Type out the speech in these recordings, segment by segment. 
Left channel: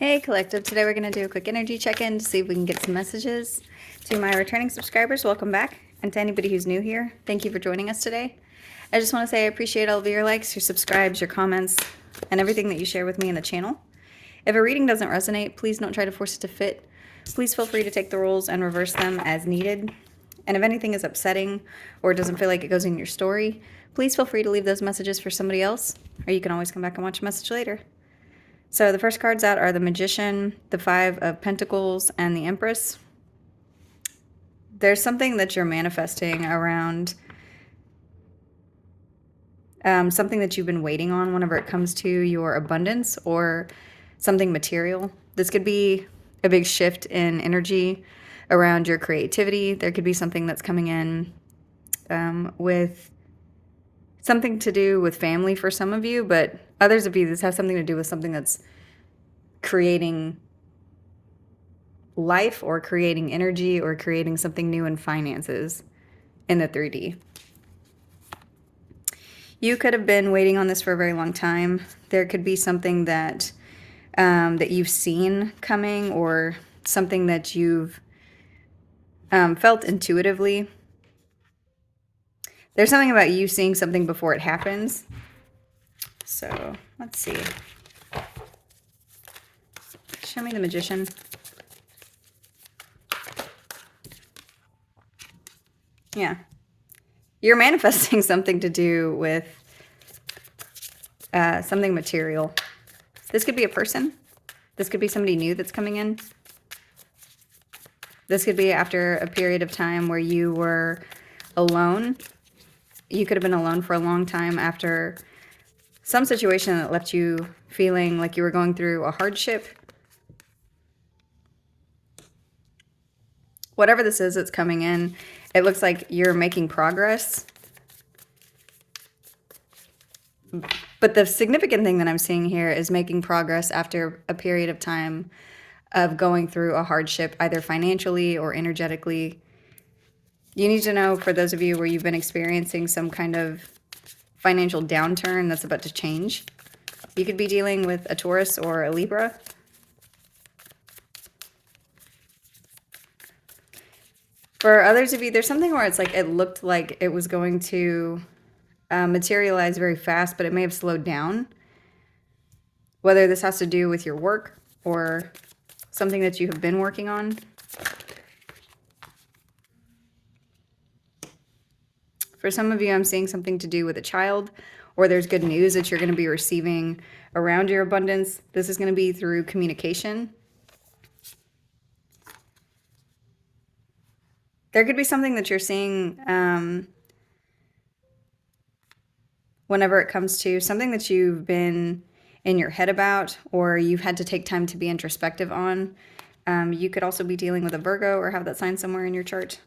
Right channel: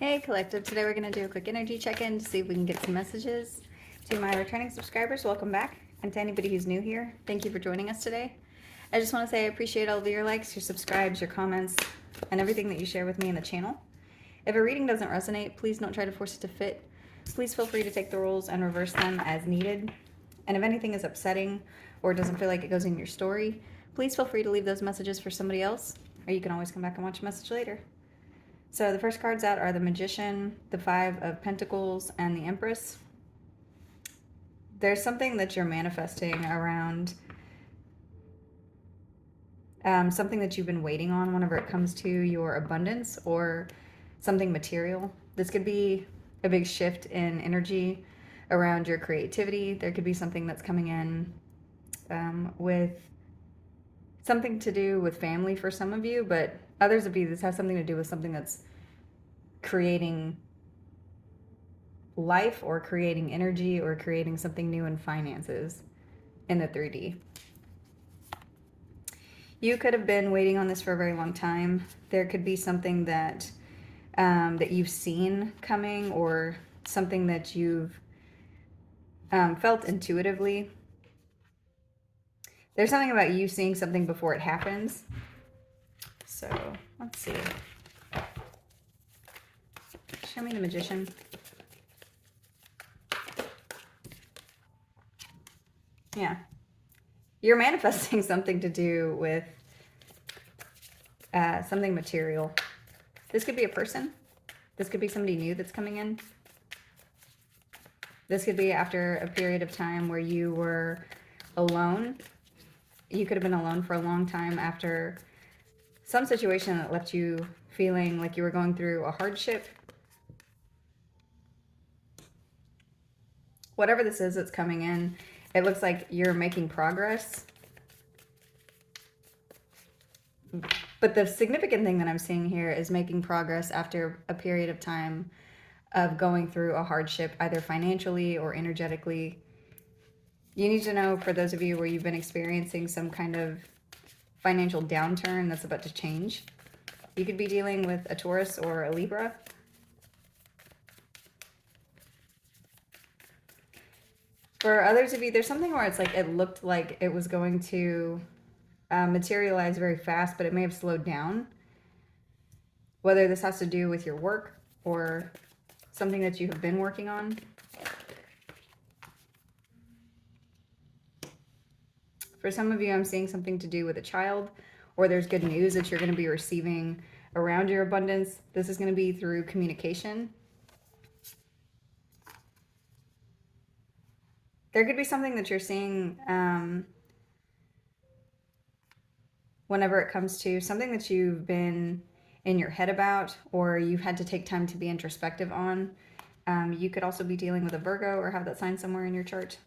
Hey Collective, today we're going to do a quick energy check-in to see if we can get some messages. To my returning subscribers, welcome back. And to anybody who's new here, thank you for joining us today. I just want to say I appreciate all of your likes, your subscribes, your comments, and everything that you share with me in the channel. If a reading doesn't resonate, please don't try to force it to fit. Please feel free to take the rules and reverse them as needed. And if anything is upsetting or doesn't feel like it goes in your story, please feel free to leave those messages for somebody else, or you can always come back and watch a message later. So the first cards out are the Magician, the Five of Pentacles, and the Empress. There's something that you're manifesting around something that you've been waiting on whenever it comes to your abundance or something material. This could be a big shift in energy around your creativity. There could be something that's coming in with something to do with family for some of you, but others of you, this has something to do with something that's creating life or creating energy or creating something new in finances in the 3D. You could have been waiting on this for a very long time. There could be something that that you've seen coming, or something that you've felt intuitively. There's something about you seeing something before it happens. So let's see. Show me the Magician. Yeah. You're manifesting something to do with something material. This could be a person. This could be somebody new that's coming in. This could be after a period of time where you were alone. You could have been alone for a long time after some situation that left you feeling like you were going through a hardship. Whatever this is that's coming in, it looks like you're making progress. But the significant thing that I'm seeing here is making progress after a period of time of going through a hardship, either financially or energetically. You need to know, for those of you where you've been experiencing some kind of financial downturn that's about to change. You could be dealing with a Taurus or a Libra. For others of you, there's something where it's like it looked like it was going to materialize very fast, but it may have slowed down. Whether this has to do with your work or something that you have been working on. For some of you, I'm seeing something to do with a child, or there's good news that you're going to be receiving around your abundance. This is going to be through communication. There could be something that you're seeing whenever it comes to something that you've been in your head about, or you've had to take time to be introspective on. You could also be dealing with a Virgo or have that sign somewhere in your chart.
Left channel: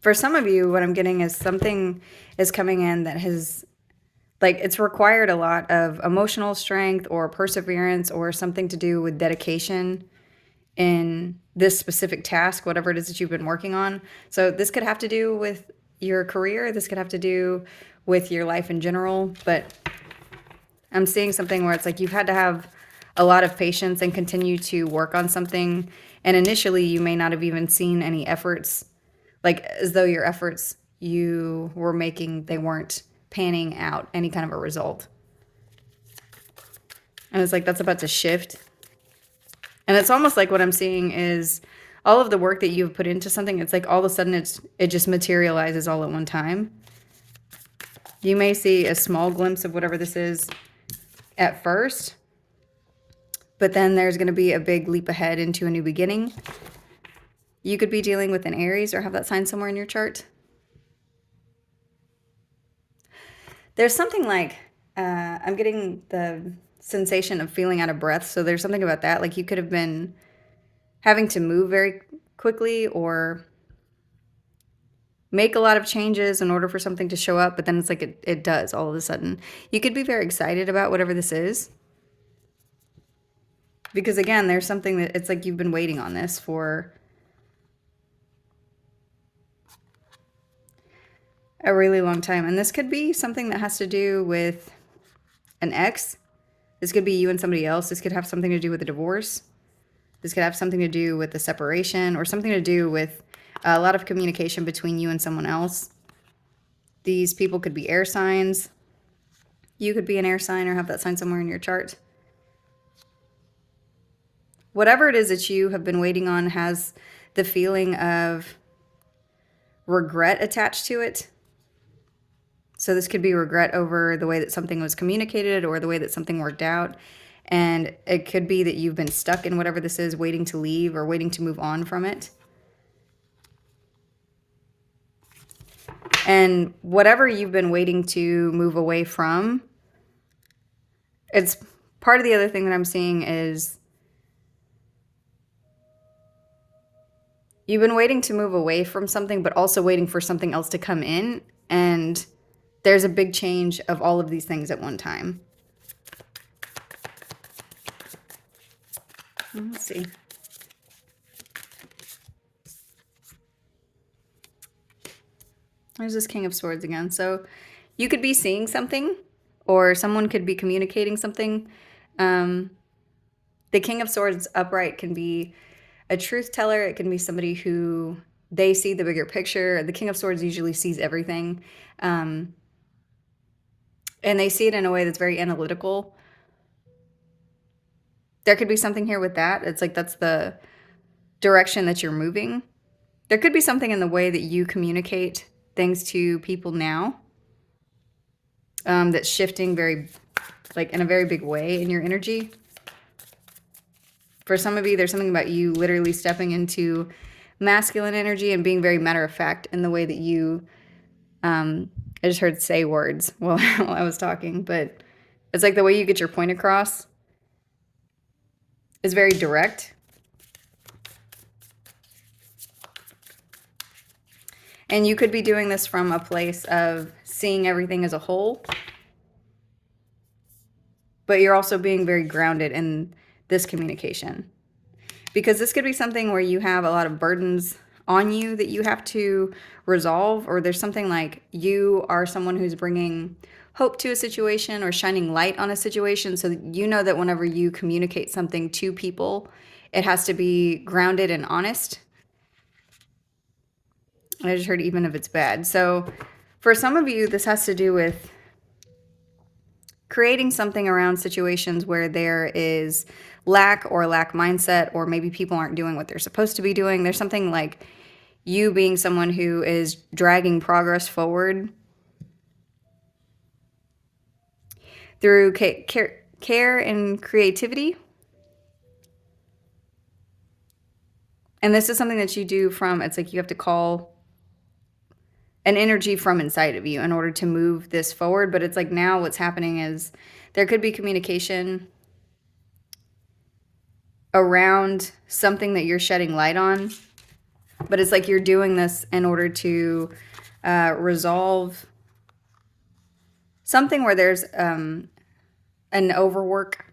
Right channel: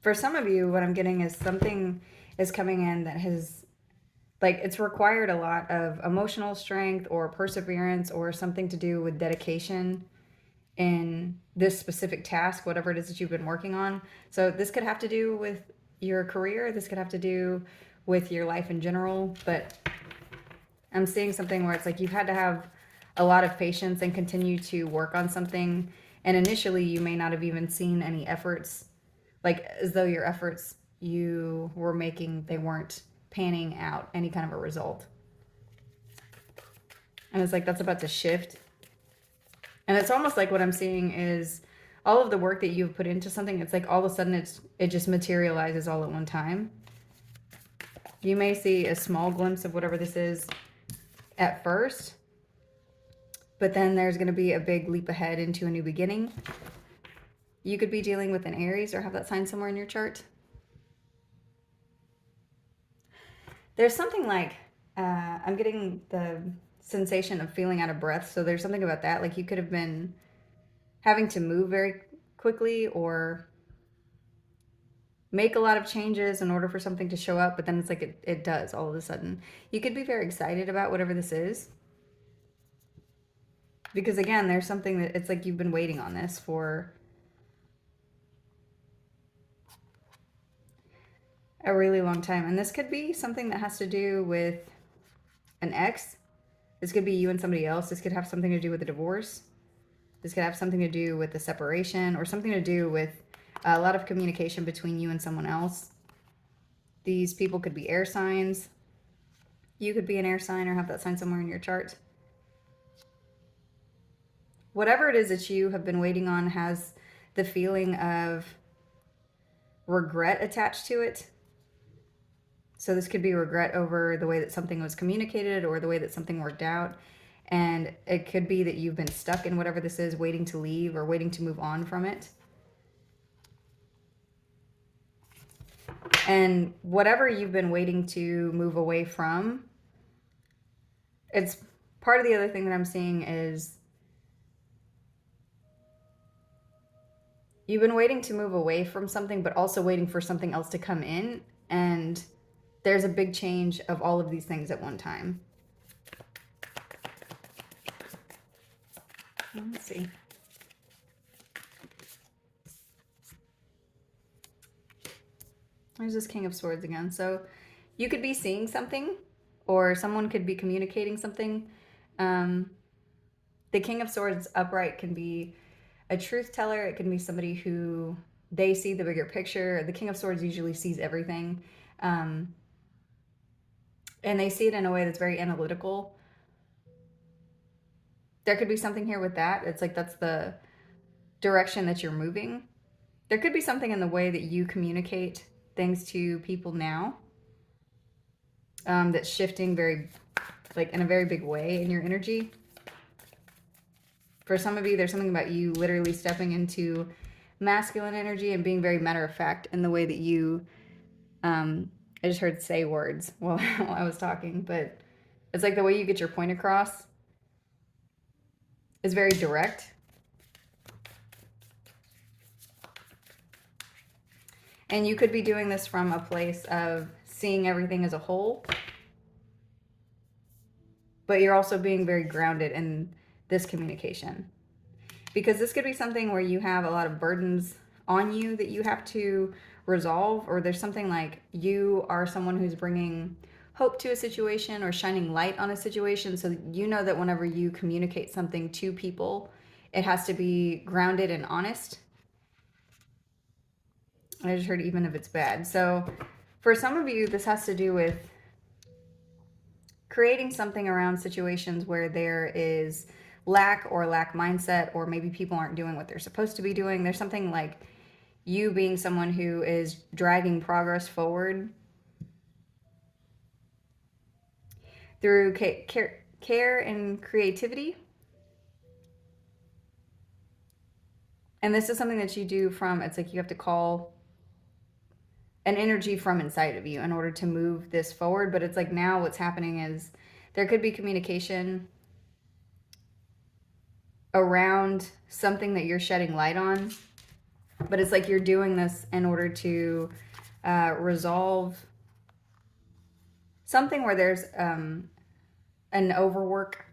For some of you, what I'm getting is something is coming in that has, like, it's required a lot of emotional strength or perseverance or something to do with dedication in this specific task, whatever it is that you've been working on. So this could have to do with your career. This could have to do with your life in general. But I'm seeing something where it's like you've had to have a lot of patience and continue to work on something. And initially, you may not have even seen any efforts, like as though your efforts you were making, they weren't panning out any kind of a result. And it's like that's about to shift. And it's almost like what I'm seeing is all of the work that you've put into something, it's like all of a sudden it just materializes all at one time. You may see a small glimpse of whatever this is at first, but then there's going to be a big leap ahead into a new beginning. You could be dealing with an Aries or have that sign somewhere in your chart. There's something like, I'm getting the sensation of feeling out of breath. So there's something about that. Like you could have been having to move very quickly or make a lot of changes in order for something to show up. But then it's like it does all of a sudden. You could be very excited about whatever this is. Because again, there's something that it's like you've been waiting on this for a really long time. And this could be something that has to do with an ex. This could be you and somebody else. This could have something to do with a divorce. This could have something to do with the separation, or something to do with a lot of communication between you and someone else. These people could be air signs. You could be an air sign or have that sign somewhere in your chart. Whatever it is that you have been waiting on has the feeling of regret attached to it. So this could be regret over the way that something was communicated or the way that something worked out. And it could be that you've been stuck in whatever this is, waiting to leave or waiting to move on from it. And whatever you've been waiting to move away from, it's part of the other thing that I'm seeing is you've been waiting to move away from something, but also waiting for something else to come in. And there's a big change of all of these things at one time. Let's see. There's this King of Swords again. So you could be seeing something, or someone could be communicating something. The King of Swords upright can be a truth teller. It can be somebody who they see the bigger picture. The King of Swords usually sees everything. And they see it in a way that's very analytical. There could be something here with that. It's like that's the direction that you're moving. There could be something in the way that you communicate things to people now that's shifting very, like in a very big way in your energy. For some of you, there's something about you literally stepping into masculine energy and being very matter of fact in the way that you, I just heard say words while I was talking, but it's like the way you get your point across is very direct. And you could be doing this from a place of seeing everything as a whole, but you're also being very grounded in this communication. Because this could be something where you have a lot of burdens on you that you have to resolve, or there's something like you are someone who's bringing hope to a situation or shining light on a situation, so that you know that whenever you communicate something to people, it has to be grounded and honest. I just heard even if it's bad. So for some of you, this has to do with creating something around situations where there is lack or lack mindset, or maybe people aren't doing what they're supposed to be doing. There's something like you being someone who is dragging progress forward through care and creativity. And this is something that you do from, it's like you have to call an energy from inside of you in order to move this forward. But it's like now what's happening is there could be communication around something that you're shedding light on, but it's like you're doing this in order to resolve something where there's an overwork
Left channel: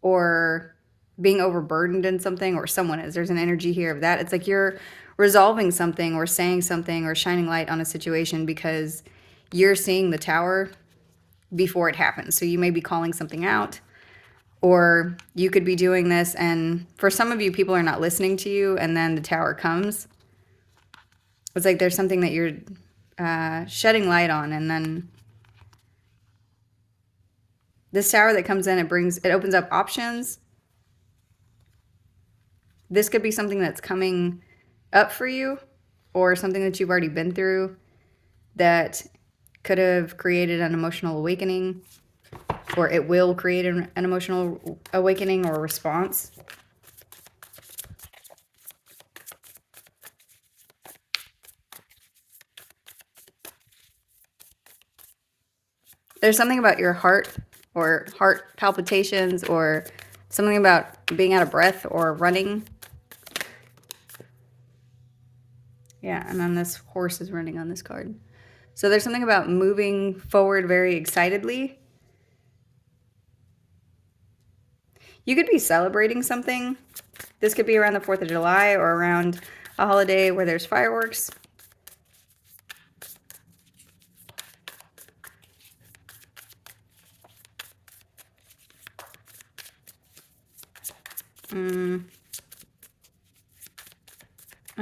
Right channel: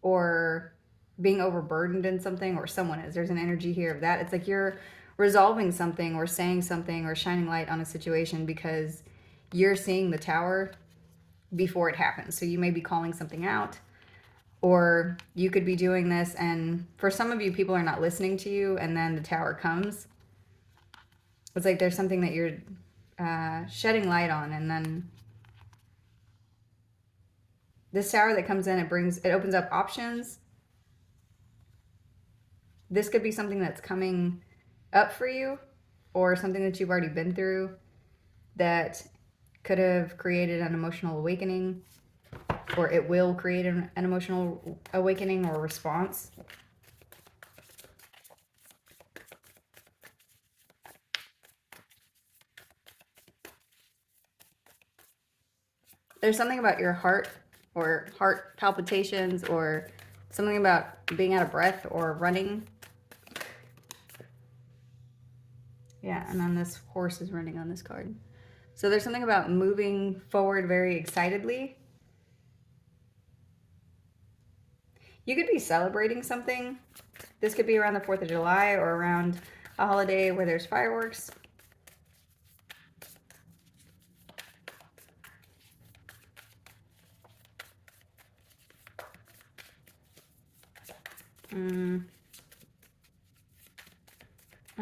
or being overburdened in something, or someone is. There's an energy here of that. It's like you're resolving something or saying something or shining light on a situation because you're seeing the tower before it happens. So you may be calling something out, or you could be doing this, and for some of you, people are not listening to you, and then the tower comes. It's like there's something that you're shedding light on, and then this tower that comes in, it opens up options. This could be something that's coming up for you, or something that you've already been through that could have created an emotional awakening, or it will create an emotional awakening or response. There's something about your heart, or heart palpitations, or something about being out of breath or running. Yeah, and then this horse is running on this card. So there's something about moving forward very excitedly. You could be celebrating something. This could be around the 4th of July or around a holiday where there's fireworks. I'm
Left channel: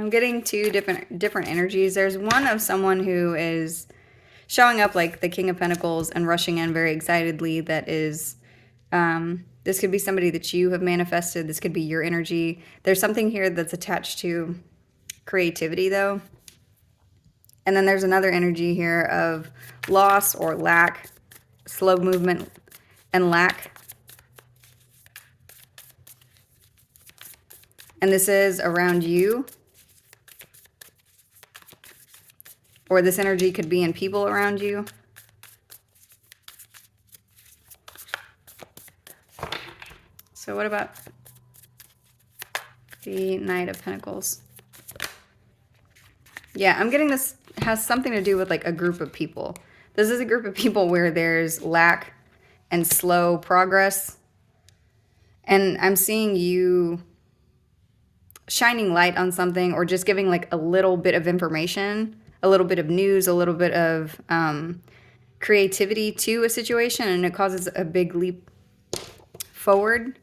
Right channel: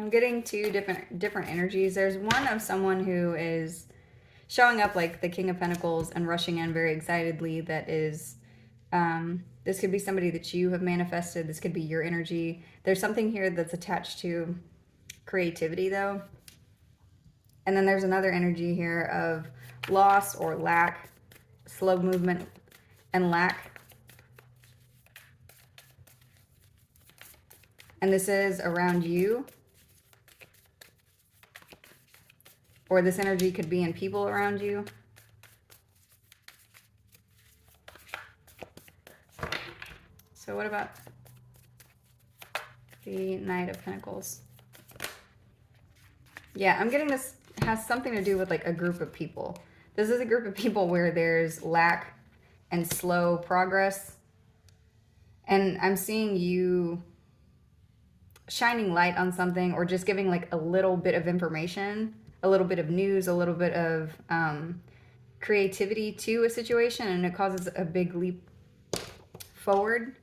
getting two different energies. There's one of someone who is showing up like the King of Pentacles and rushing in very excitedly. That is, this could be somebody that you have manifested. This could be your energy. There's something here that's attached to creativity, though. And then there's another energy here of loss or lack, slow movement and lack. And this is around you. Or this energy could be in people around you. So what about the Knight of Pentacles? Yeah, I'm getting this has something to do with like a group of people. This is a group of people where there's lack and slow progress. And I'm seeing you shining light on something or just giving like a little bit of information, a little bit of news, a little bit of creativity to a situation, and it causes a big leap forward.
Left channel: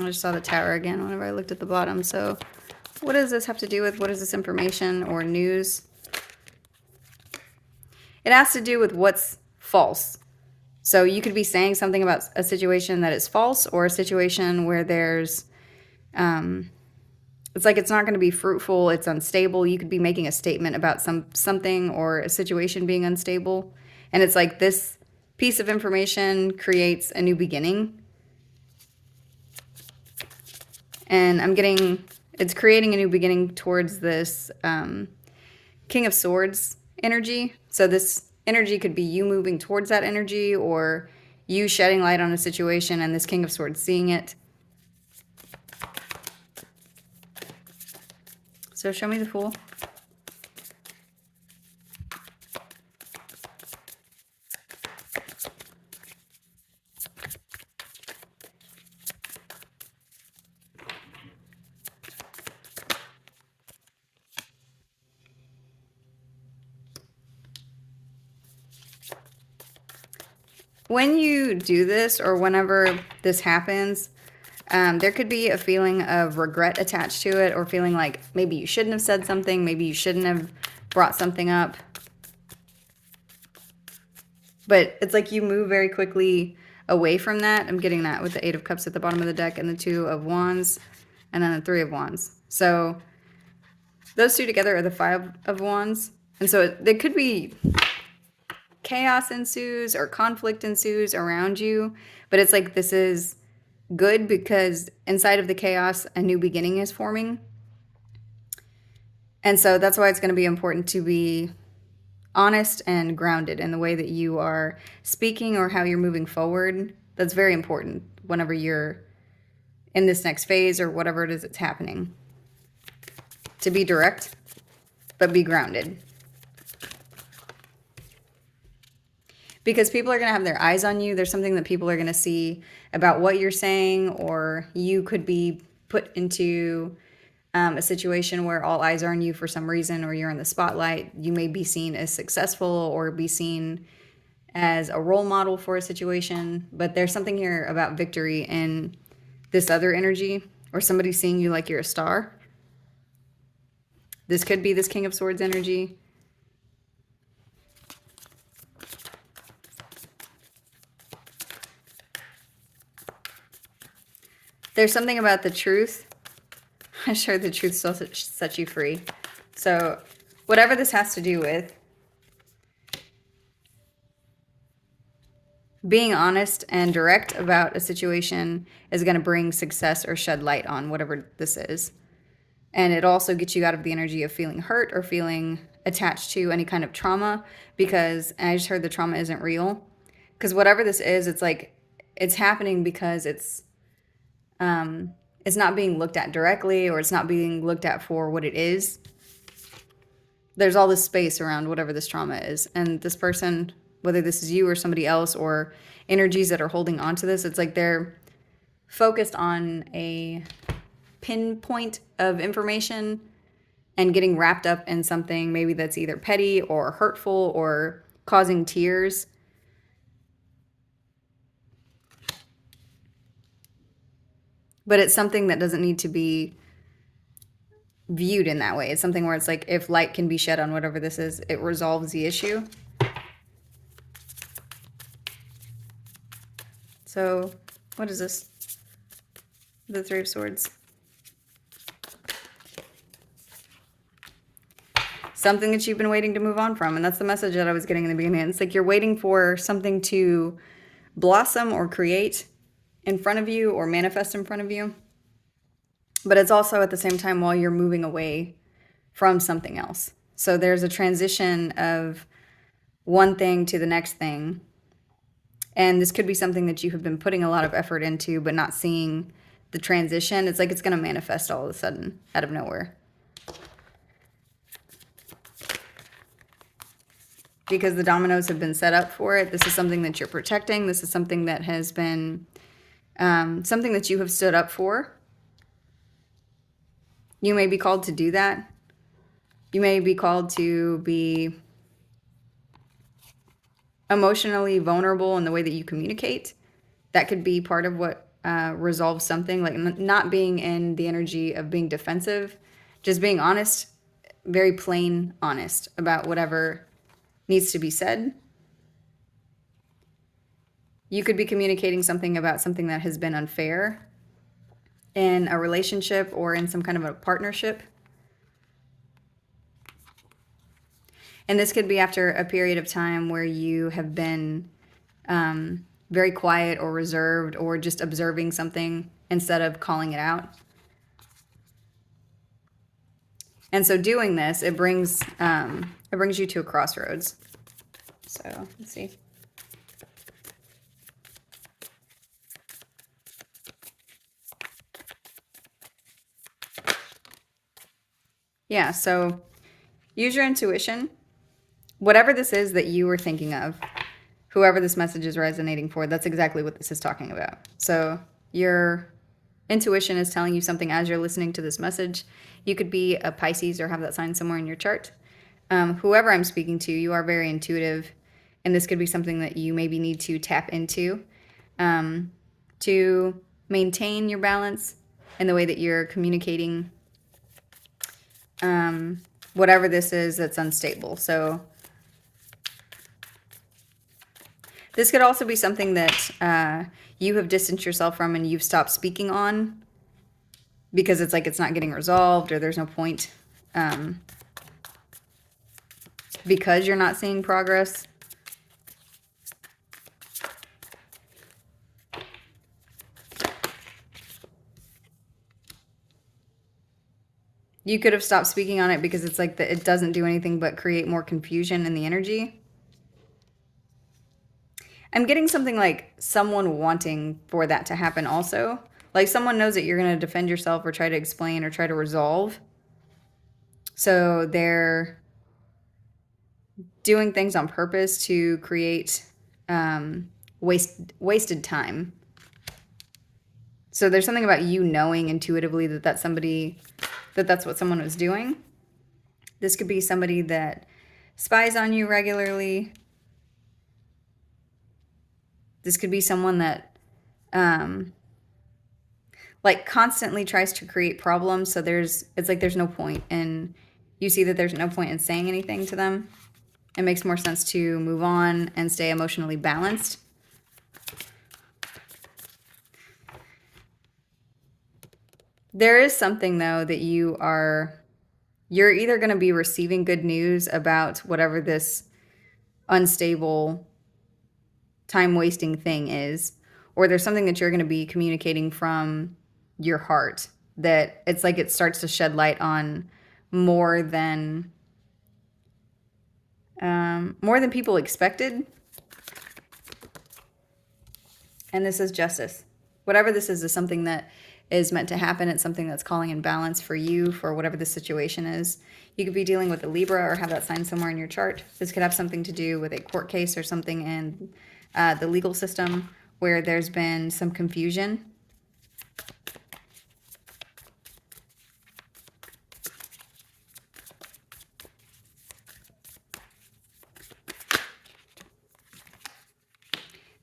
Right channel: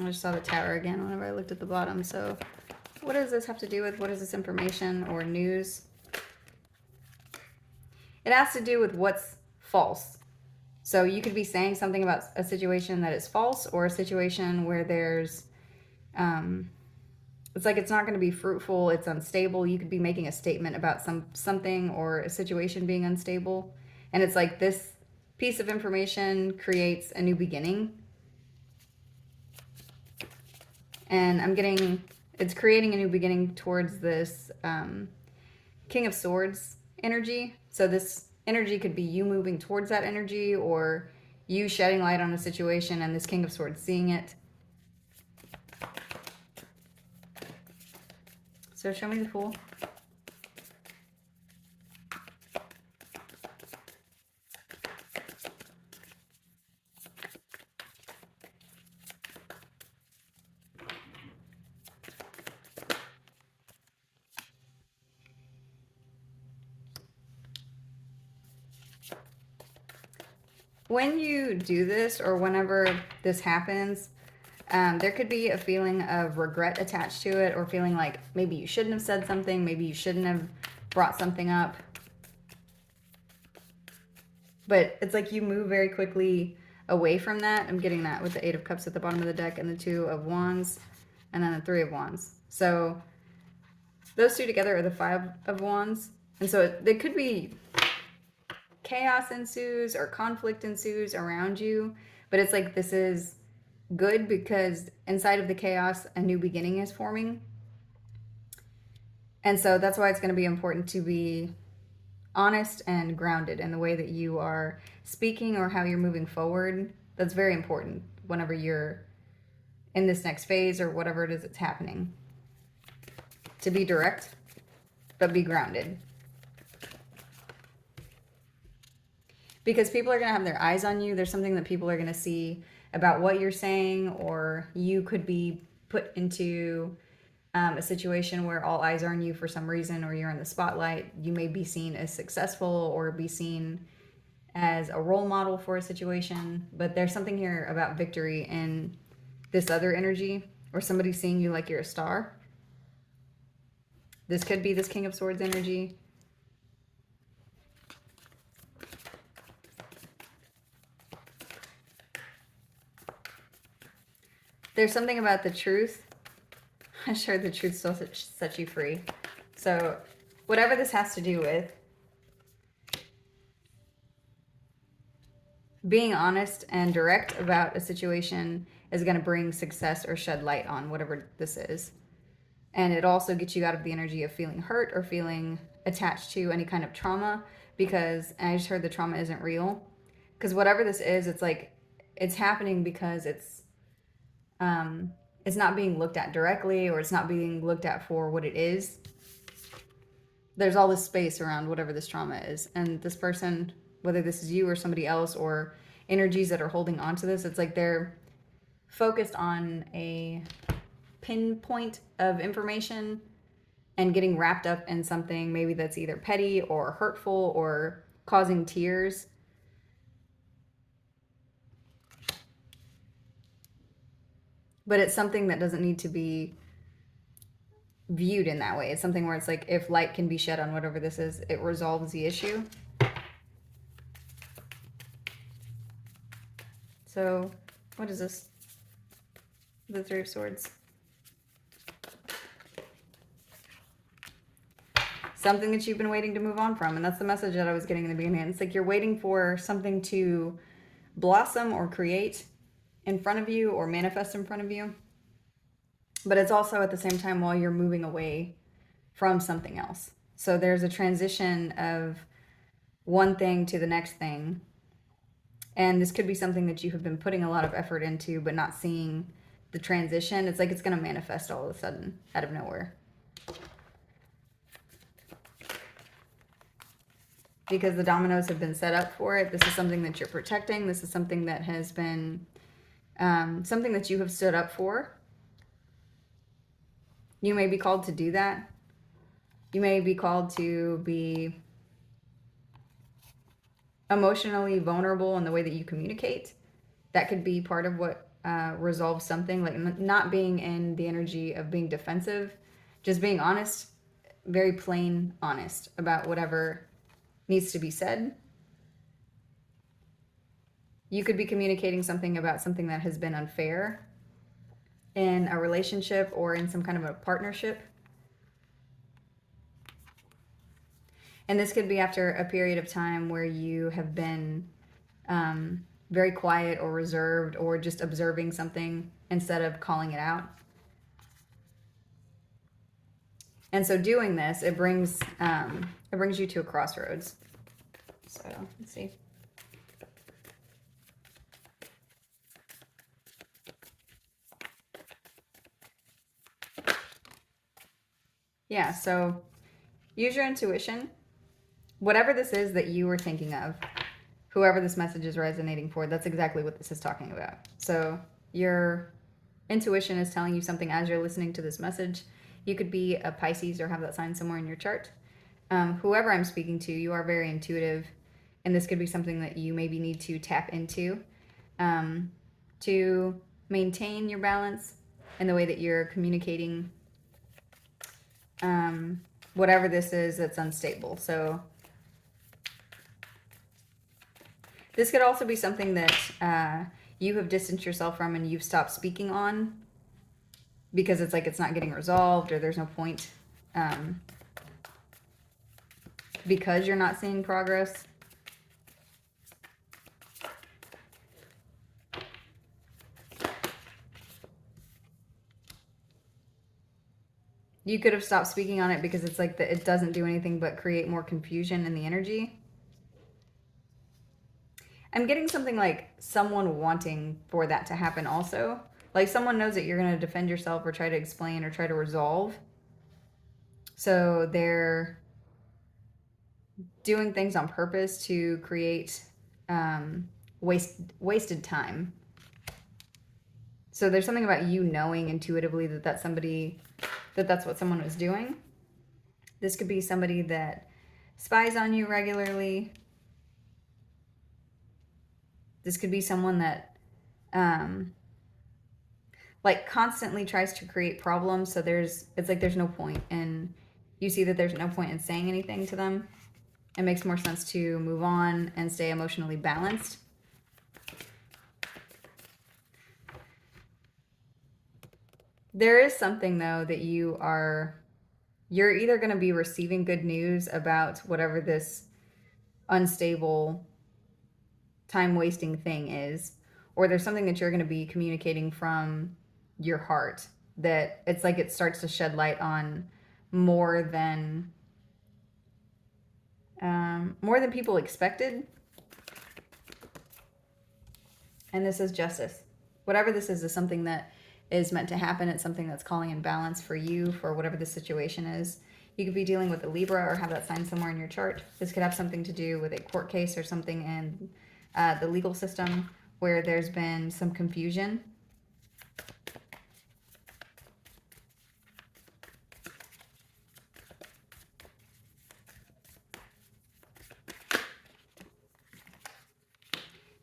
I just saw the Tower again whenever I looked at the bottom. So what does this have to do with? What is this information or news? It has to do with what's false. So you could be saying something about a situation that is false, or a situation where there's, it's like it's not going to be fruitful, it's unstable. You could be making a statement about something or a situation being unstable. And it's like this piece of information creates a new beginning. And I'm getting, it's creating a new beginning towards this King of Swords energy. So this energy could be you moving towards that energy, or you shedding light on a situation and this King of Swords seeing it. So show me the Fool. When you do this, or whenever this happens, there could be a feeling of regret attached to it, or feeling like maybe you shouldn't have said something, maybe you shouldn't have brought something up. But it's like you move very quickly away from that. I'm getting that with the Eight of Cups at the bottom of the deck, and the Two of Wands, and then the Three of Wands. So those two together are the Five of Wands. And so there could be chaos ensues or conflict ensues around you, but it's like this is good because inside of the chaos a new beginning is forming. And so that's why it's going to be important to be honest and grounded in the way that you are speaking or how you're moving forward. That's very important whenever you're in this next phase or whatever it is that's happening. To be direct, but be grounded. Because people are going to have their eyes on you. There's something that people are going to see about what you're saying, or you could be put into a situation where all eyes are on you for some reason, or you're in the spotlight. You may be seen as successful or be seen as a role model for a situation. But there's something here about victory in this other energy, or somebody seeing you like you're a star. This could be this King of Swords energy. There's something about the truth. I'm sure the truth still sets you free. So whatever this has to do with, being honest and direct about a situation is going to bring success or shed light on whatever this is. And it also gets you out of the energy of feeling hurt or feeling attached to any kind of trauma, because, and I just heard the trauma isn't real. Because whatever this is, it's like, it's happening because it's not being looked at directly, or it's not being looked at for what it is. There's all this space around whatever this trauma is. And this person, whether this is you or somebody else, or energies that are holding on to this, it's like they're focused on a pinpoint of information and getting wrapped up in something maybe that's either petty or hurtful or causing tears. But it's something that doesn't need to be viewed in that way. It's something where it's like, if light can be shed on whatever this is, it resolves the issue. So what is this? The Three of Swords. Something that you've been waiting to move on from. And that's the message that I was getting in the beginning. It's like you're waiting for something to blossom or create in front of you or manifest in front of you. But it's also at the same time while you're moving away from something else. So there's a transition of one thing to the next thing. And this could be something that you have been putting a lot of effort into, but not seeing the transition. It's like it's going to manifest all of a sudden out of nowhere. Because the dominoes have been set up for it. This is something that you're protecting. This is something that has been something that you have stood up for. You may be called to do that. You may be called to be emotionally vulnerable in the way that you communicate. That could be part of what resolves something, like not being in the energy of being defensive, just being honest, very plain honest about whatever needs to be said. You could be communicating something about something that has been unfair in a relationship or in some kind of a partnership. And this could be after a period of time where you have been very quiet or reserved or just observing something instead of calling it out. And so doing this, it brings you to a crossroads. So let's see. Yeah, so use your intuition. Whatever this is that you were thinking of, whoever this message is resonating for, that's exactly what this is talking about. So your intuition is telling you something as you're listening to this message. You could be a Pisces or have that sign somewhere in your chart. Whoever I'm speaking to, you are very intuitive, and this could be something that you maybe need to tap into to maintain your balance in the way that you're communicating whatever this is that's unstable. So this could also be something that you have distanced yourself from and you've stopped speaking on because it's like it's not getting resolved or there's no point because you're not seeing progress. You could have stopped speaking on it because it's like it doesn't do anything but create more confusion in the energy. I'm getting something like someone wanting for that to happen also. Like someone knows that you're going to defend yourself or try to explain or try to resolve. So they're doing things on purpose to create wasted time. So there's something about you knowing intuitively that that's what someone was doing. This could be somebody that spies on you regularly. This could be someone that like constantly tries to create problems. So it's like there's no point, and you see that there's no point in saying anything to them. It makes more sense to move on and stay emotionally balanced. There is something though that you're either going to be receiving good news about whatever this unstable time wasting thing is, or there's something that you're going to be communicating from your heart that it's like it starts to shed light on more than people expected. And this is justice. Whatever this is something that is meant to happen. It's something that's calling in balance for you, for whatever the situation is. You could be dealing with a Libra or have that sign somewhere in your chart. This could have something to do with a court case or something in the legal system where there's been some confusion.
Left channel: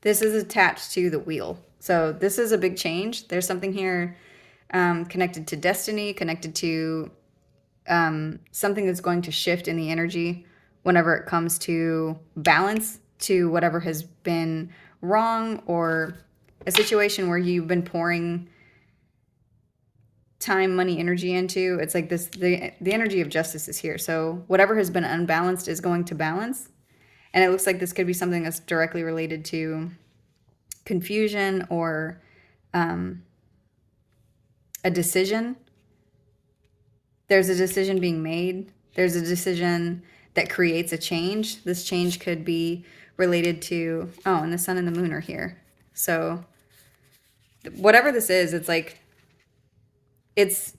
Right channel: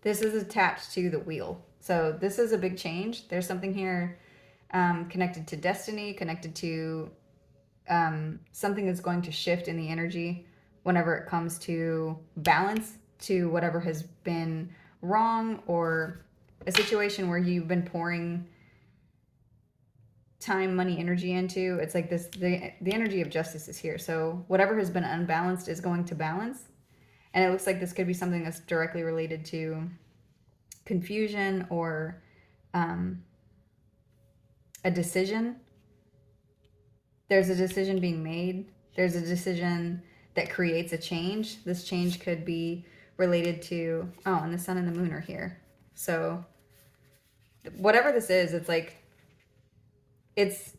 This is attached to the wheel. So this is a big change. There's something here connected to destiny, connected to something that's going to shift in the energy whenever it comes to balance, to whatever has been wrong, or a situation where you've been pouring time, money, energy into. It's like this, the energy of justice is here. So whatever has been unbalanced is going to balance. And it looks like this could be something that's directly related to confusion or a decision. There's a decision being made. There's a decision that creates a change. This change could be related to, oh, and the sun and the moon are here. So whatever this is, it's like, it's,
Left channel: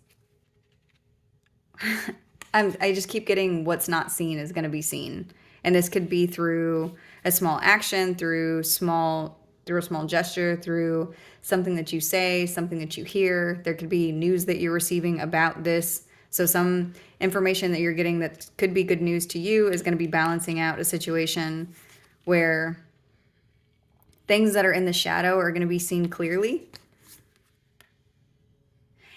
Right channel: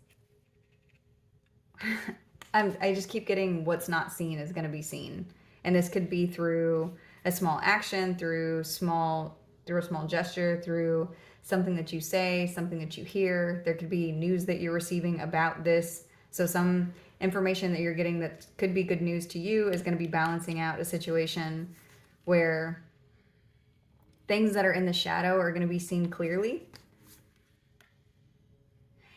I just keep getting what's not seen is going to be seen. And this could be through a small action, through a small gesture, through something that you say, something that you hear. There could be news that you're receiving about this. So some information that you're getting that could be good news to you is going to be balancing out a situation where things that are in the shadow are going to be seen clearly.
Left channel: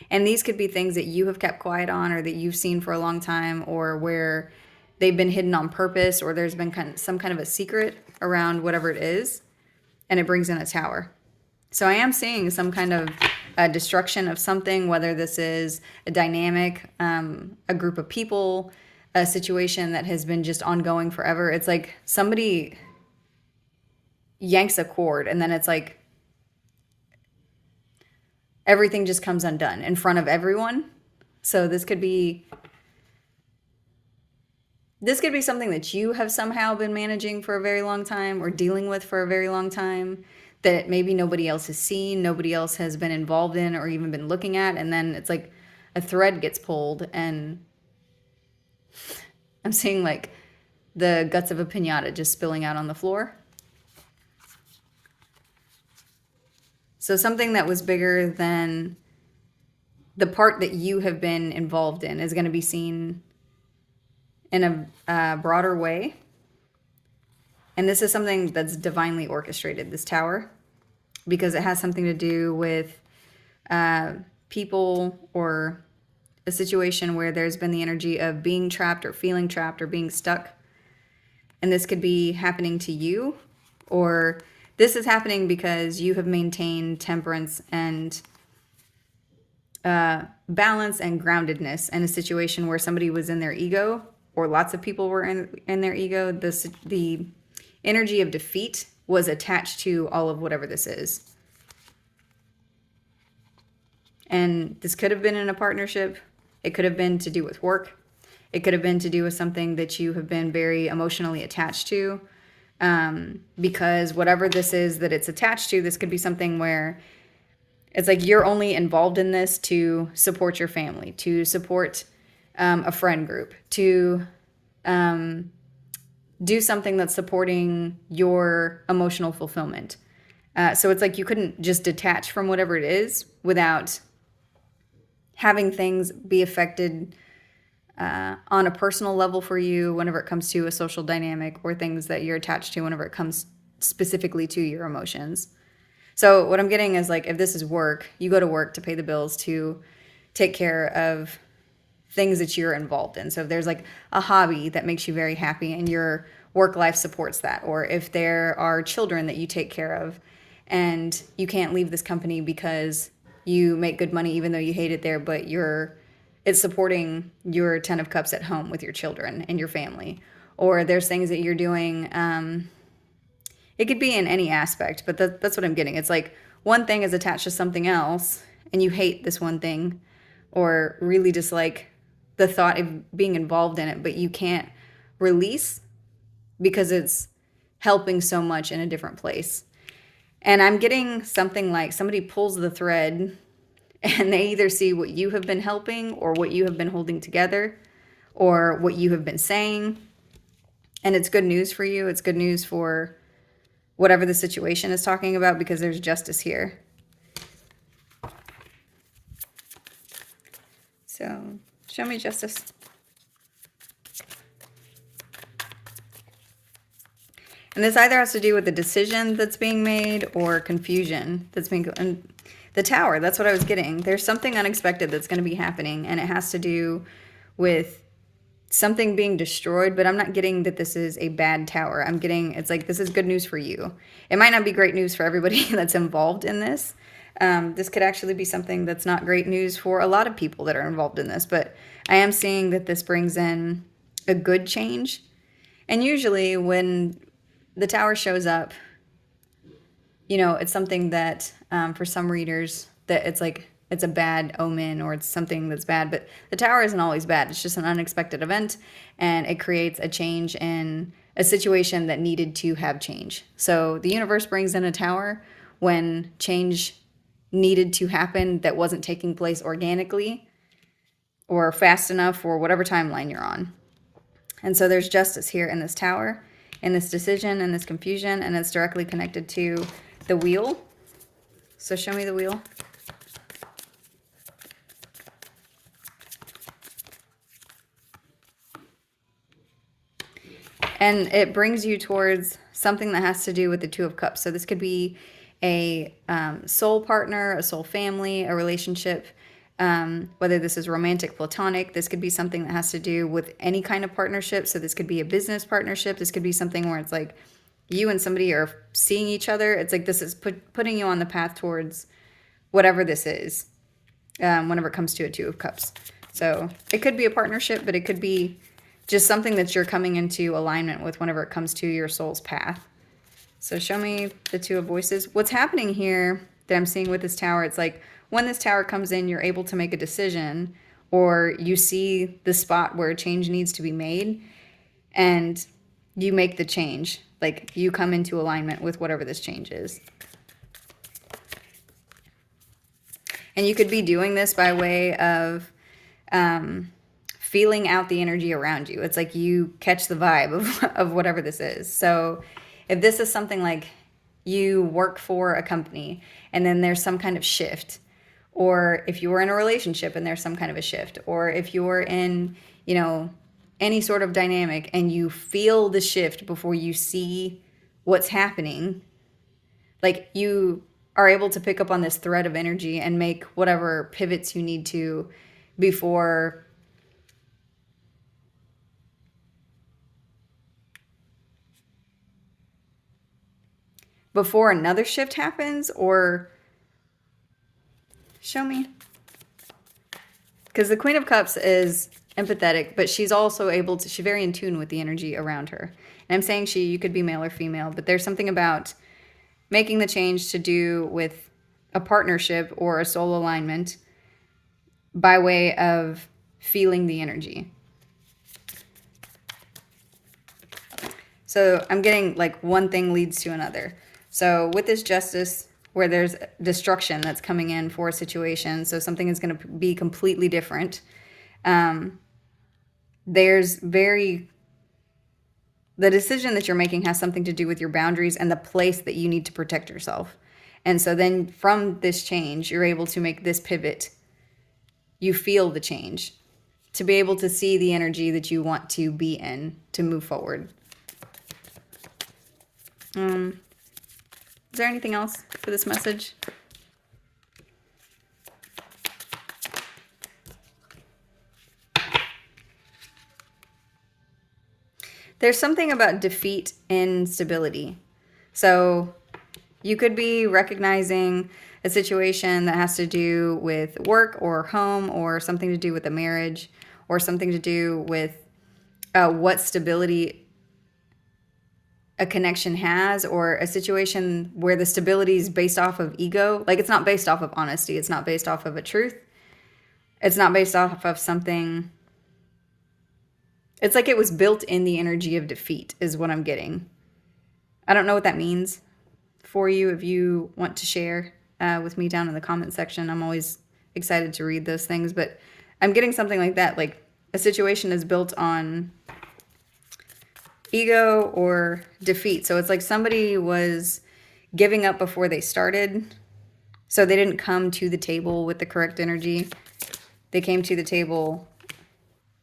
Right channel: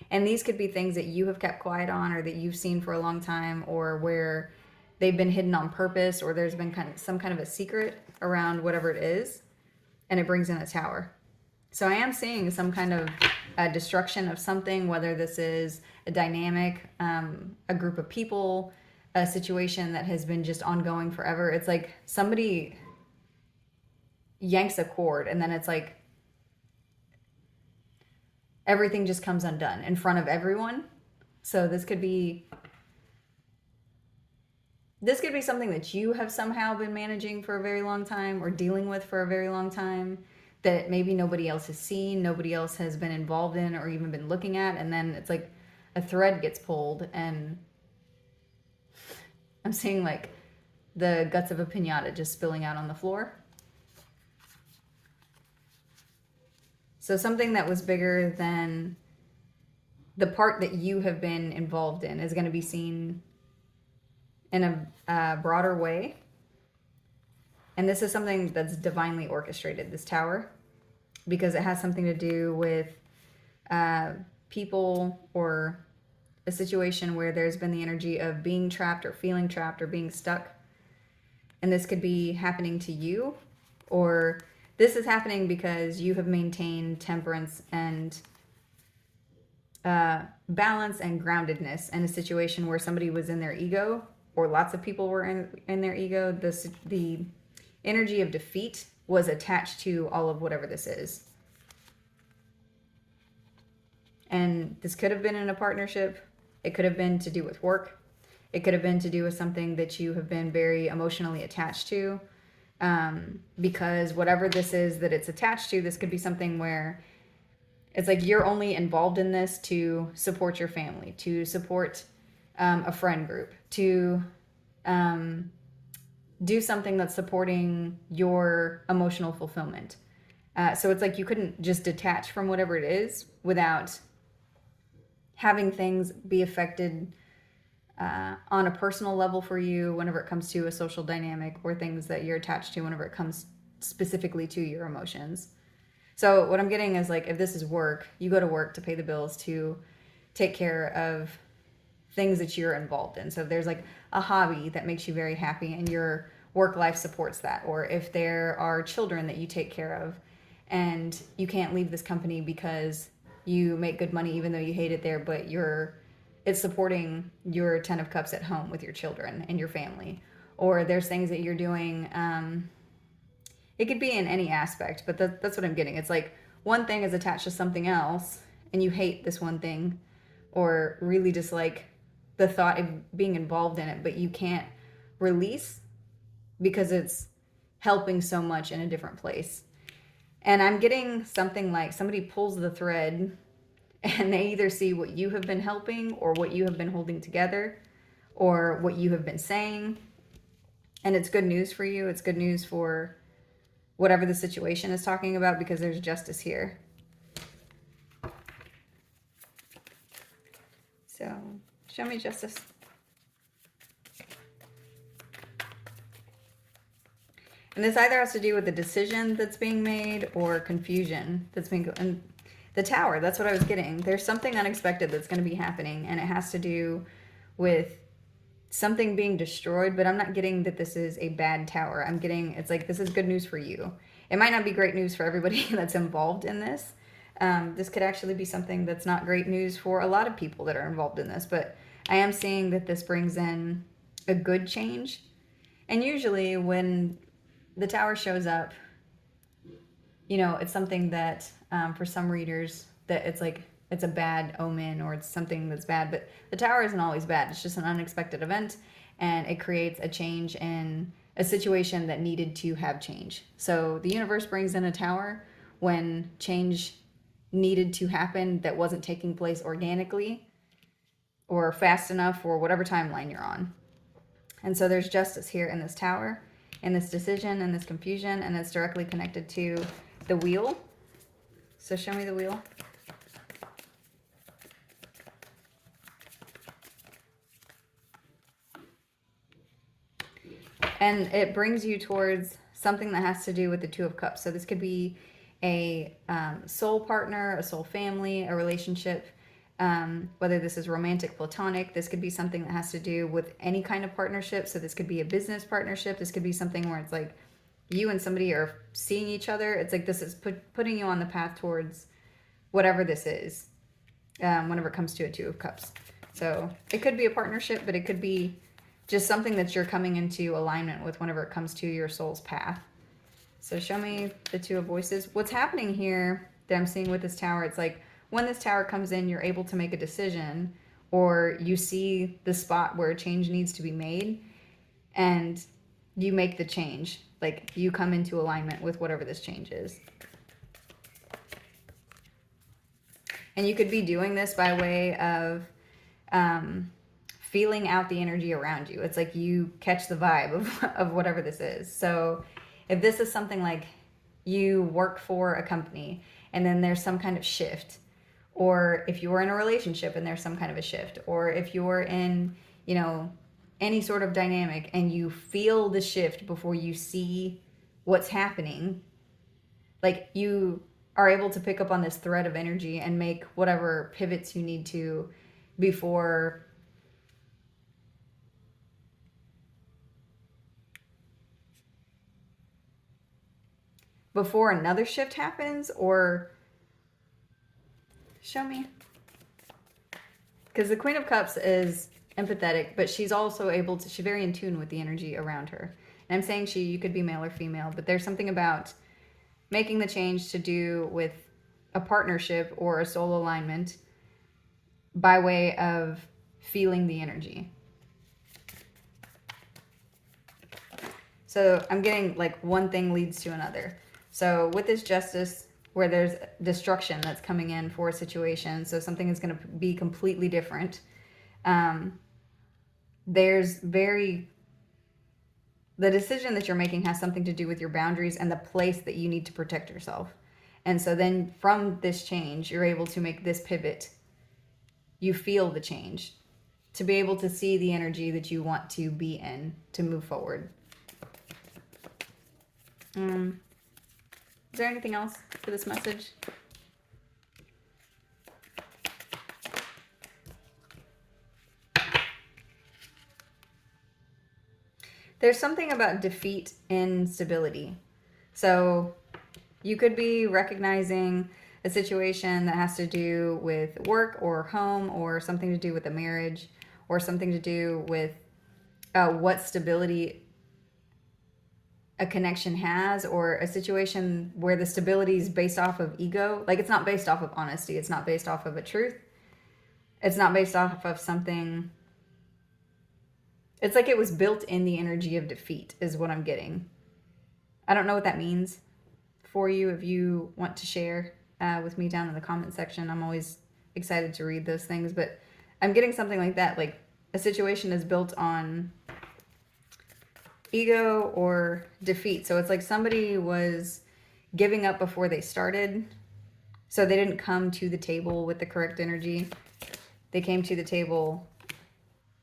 And these could be things that you have kept quiet on, or that you've seen for a long time, or where they've been hidden on purpose, or there's been some kind of a secret around whatever it is, and it brings in a tower. So I am seeing some kind of destruction of something, whether this is a dynamic, a group of people, a situation that has been just ongoing forever. It's like somebody yanks a cord, and then it's like everything just comes undone in front of everyone. So this could be something that you have somehow been managing for a very long time, or dealing with for a very long time, that maybe nobody else has seen, nobody else has been involved in, or even been looking at. And then it's like a thread gets pulled, and I'm seeing like the guts of a piñata just spilling out on the floor. So something that was bigger than the part that you have been involved in is going to be seen in a broader way. And this is something that's divinely orchestrated, this tower, because it has something to do with people, or a situation where there's been the energy of being trapped, or feeling trapped, or being stuck. And this could be happening to you, or this is happening because you have maintained temperance and balance and groundedness in a situation where somebody was in their ego, or lots of people were in their ego. The energy of defeat was attached to all of whatever this is. And this could have been in a partnership. It could have been to do with work. It could have been to do with something that you have been very emotionally attached to. Because whatever this is that it's attached to, this could be something where it's like you're only involved in this to support your family, to support a friend group, to do something that's supporting your emotional fulfillment. So it's like you couldn't just detach from whatever it is without having things be affected on a personal level for you whenever it comes to a social dynamic, or things that you're attached to whenever it comes specifically to your emotions. So what I'm getting is, like, if this is work, you go to work to pay the bills, to take care of things that you're involved in. So if there's like a hobby that makes you very happy and your work life supports that, or if there are children that you take care of and you can't leave this company because you make good money even though you hate it there, but it's supporting your 10 of cups at home with your children and your family. Or there's things that you're doing, it could be in any aspect, but that's what I'm getting. It's like one thing is attached to something else and you hate this one thing, or really dislike the thought of being involved in it, but you can't release because it's helping so much in a different place. And I'm getting something like somebody pulls the thread and they either see what you have been helping, or what you have been holding together, or what you have been saying. And it's good news for you. It's good news for whatever the situation is talking about, because there's justice here. So show me justice. And this either has to do with the decision that's being made or confusion that's being... And the Tower, that's what I was getting. There's something unexpected that's going to be happening, and it has to do with something being destroyed, but I'm not getting that this is a bad tower. I'm getting, it's like, this is good news for you. It might not be great news for everybody that's involved in this. This could actually be something that's not great news for a lot of people that are involved in this, but I am seeing that this brings in a good change. And usually when the Tower shows up, you know, it's something that for some readers that it's like, it's a bad omen or it's something that's bad, but the Tower isn't always bad. It's just an unexpected event, and it creates a change in a situation that needed to have change. So the universe brings in a Tower when change needed to happen that wasn't taking place organically or fast enough or whatever timeline you're on. And so there's justice here in this Tower, in this decision, in this confusion, and it's directly connected to the Wheel. So show me the Wheel. And it brings you towards something that has to do with the Two of Cups. So this could be a soul partner, a soul family, a relationship, whether this is romantic, platonic. This could be something that has to do with any kind of partnership. So this could be a business partnership. This could be something where it's like you and somebody are seeing each other. It's like this is putting you on the path towards whatever this is, whenever it comes to a Two of Cups. So it could be a partnership, but it could be just something that you're coming into alignment with whenever it comes to your soul's path. So show me the Two of Voices. What's happening here that I'm seeing with this Tower, it's like when this Tower comes in, you're able to make a decision, or you see the spot where a change needs to be made and you make the change. Like you come into alignment with whatever this change is. And you could be doing this by way of feeling out the energy around you. It's like you catch the vibe of whatever this is. So if this is something like you work for a company and then there's some kind of shift, or if you were in a relationship and there's some kind of a shift, or if you're in, you know, any sort of dynamic and you feel the shift before you see what's happening, like you are able to pick up on this thread of energy and make whatever pivots you need to before another shift happens. Or show me, because the Queen of Cups is empathetic, but she's also able to, she's very in tune with the energy around her. And I'm saying she, you could be male or female, but there's something about making the change to do with a partnership or a soul alignment by way of feeling the energy. So I'm getting like one thing leads to another. So with this Justice, where there's destruction that's coming in for a situation, so something is going to be completely different. There's the decision that you're making has something to do with your boundaries and the place that you need to protect yourself. And so then from this change, you're able to make this pivot. You feel the change to be able to see the energy that you want to be in to move forward. Is there anything else for this message? There's something about defeat and stability. So you could be recognizing a situation that has to do with work or home, or something to do with a marriage, or something to do with what stability a connection has, or a situation where the stability is based off of ego. Like it's not based off of honesty. It's not based off of a truth. It's not based off of something. It's like it was built in the energy of defeat is what I'm getting. I don't know what that means for you. If you want to share with me down in the comment section, I'm always excited to read those things, but I'm getting something like that. Like a situation is built on ego or defeat. So it's like somebody was giving up before they started. So they didn't come to the table with the correct energy. They came to the table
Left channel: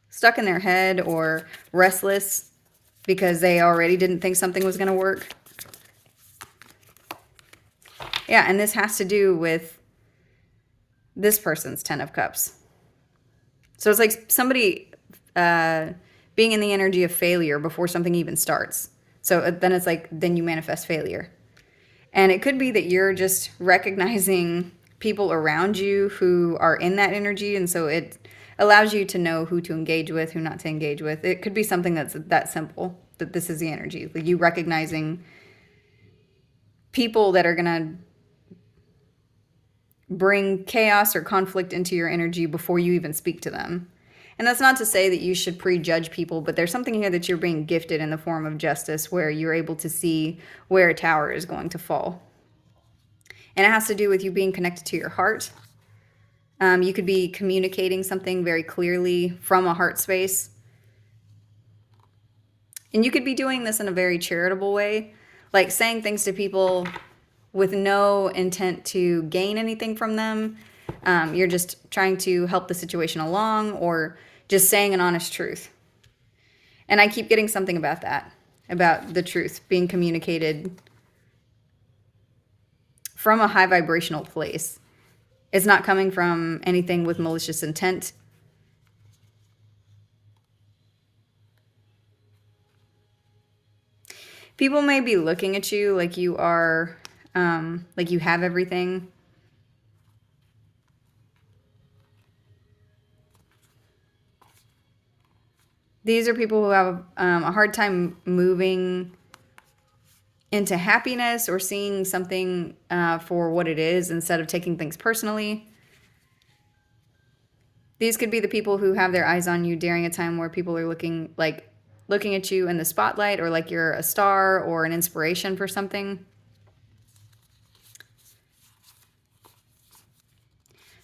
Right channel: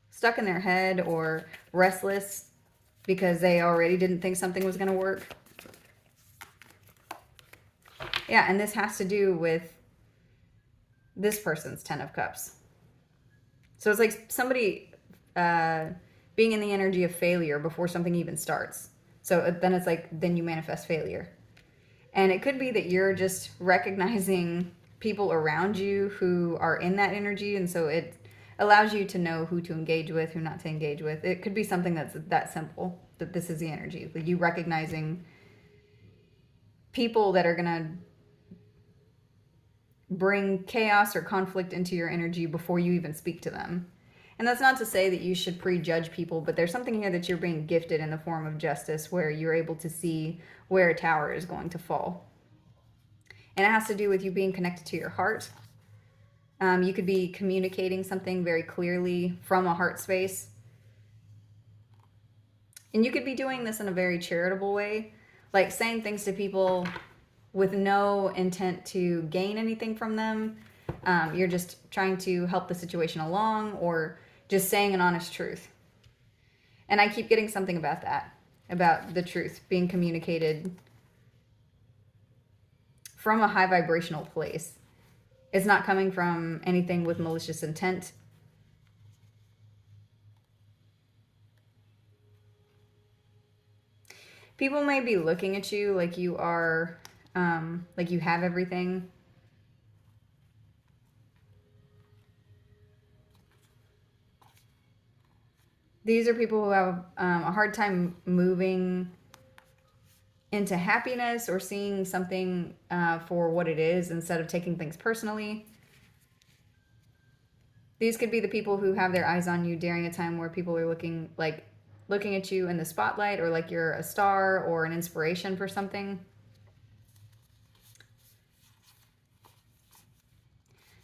stuck in their head or restless, because they already didn't think something was going to work. Yeah, and this has to do with this person's 10 of Cups. So it's like somebody being in the energy of failure before something even starts. So then it's like, then you manifest failure. And it could be that you're just recognizing people around you who are in that energy. And so it allows you to know who to engage with, who not to engage with. It could be something that's that simple, that this is the energy. Like you recognizing people that are going to bring chaos or conflict into your energy before you even speak to them. And that's not to say that you should prejudge people, but there's something here that you're being gifted in the form of justice where you're able to see where a tower is going to fall. And it has to do with you being connected to your heart. You could be communicating something very clearly from a heart space. And you could be doing this in a very charitable way, like saying things to people with no intent to gain anything from them. You're just trying to help the situation along, or just saying an honest truth. And I keep getting something about that, about the truth being communicated from a high vibrational place. It's not coming from anything with malicious intent. People may be looking at you like you are, like you have everything. These are people who have a hard time moving into happiness or seeing something for what it is instead of taking things personally. These could be the people who have their eyes on you during a time where people are looking at you in the spotlight, or like you're a star or an inspiration for something.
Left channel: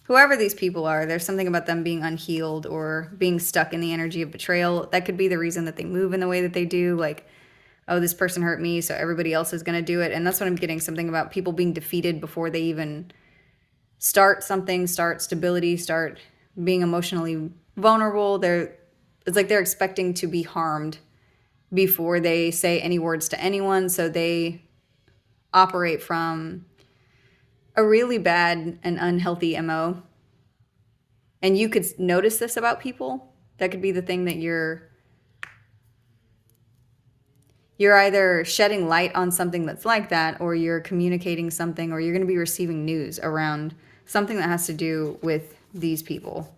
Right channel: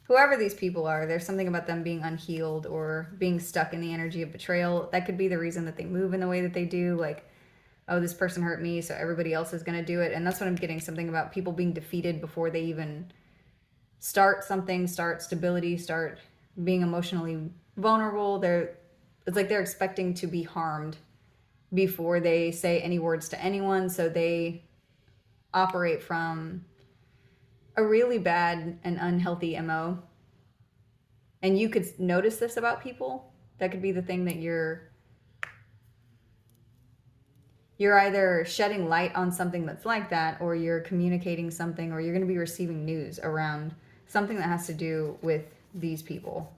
Whoever these people are, there's something about them being unhealed or being stuck in the energy of betrayal. That could be the reason that they move in the way that they do. Like, oh, this person hurt me, so everybody else is going to do it. And that's what I'm getting, something about people being defeated before they even start something, start stability, start being emotionally vulnerable. It's like they're expecting to be harmed before they say any words to anyone. So they operate from a really bad and unhealthy MO. And you could notice this about people. That could be the thing that you're either shedding light on something that's like that, or you're communicating something, or you're going to be receiving news around something that has to do with these people.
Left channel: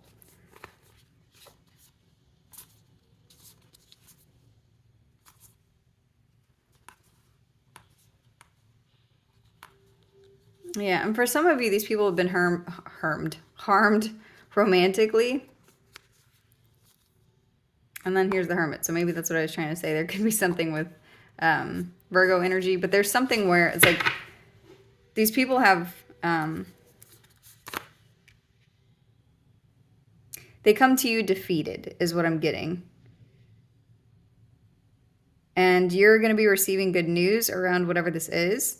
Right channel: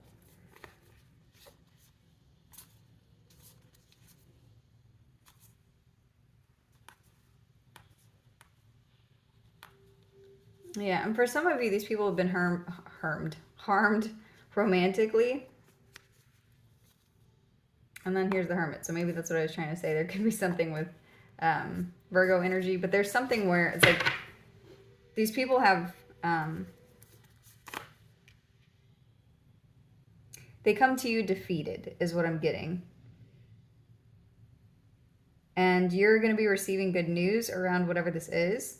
Yeah, and for some of you, these people have been harmed romantically. And then here's the Hermit. So maybe that's what I was trying to say. There could be something with Virgo energy, but there's something where it's like these people have they come to you defeated is what I'm getting. And you're going to be receiving good news around whatever this is,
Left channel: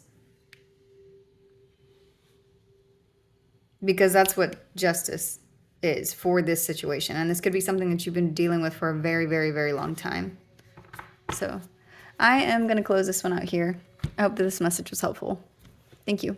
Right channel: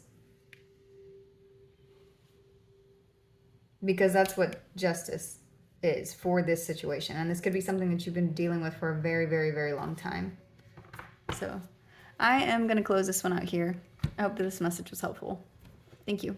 because that's what justice is for this situation. And this could be something that you've been dealing with for a very, very, very long time. So I am going to close this one out here. I hope that this message was helpful. Thank you.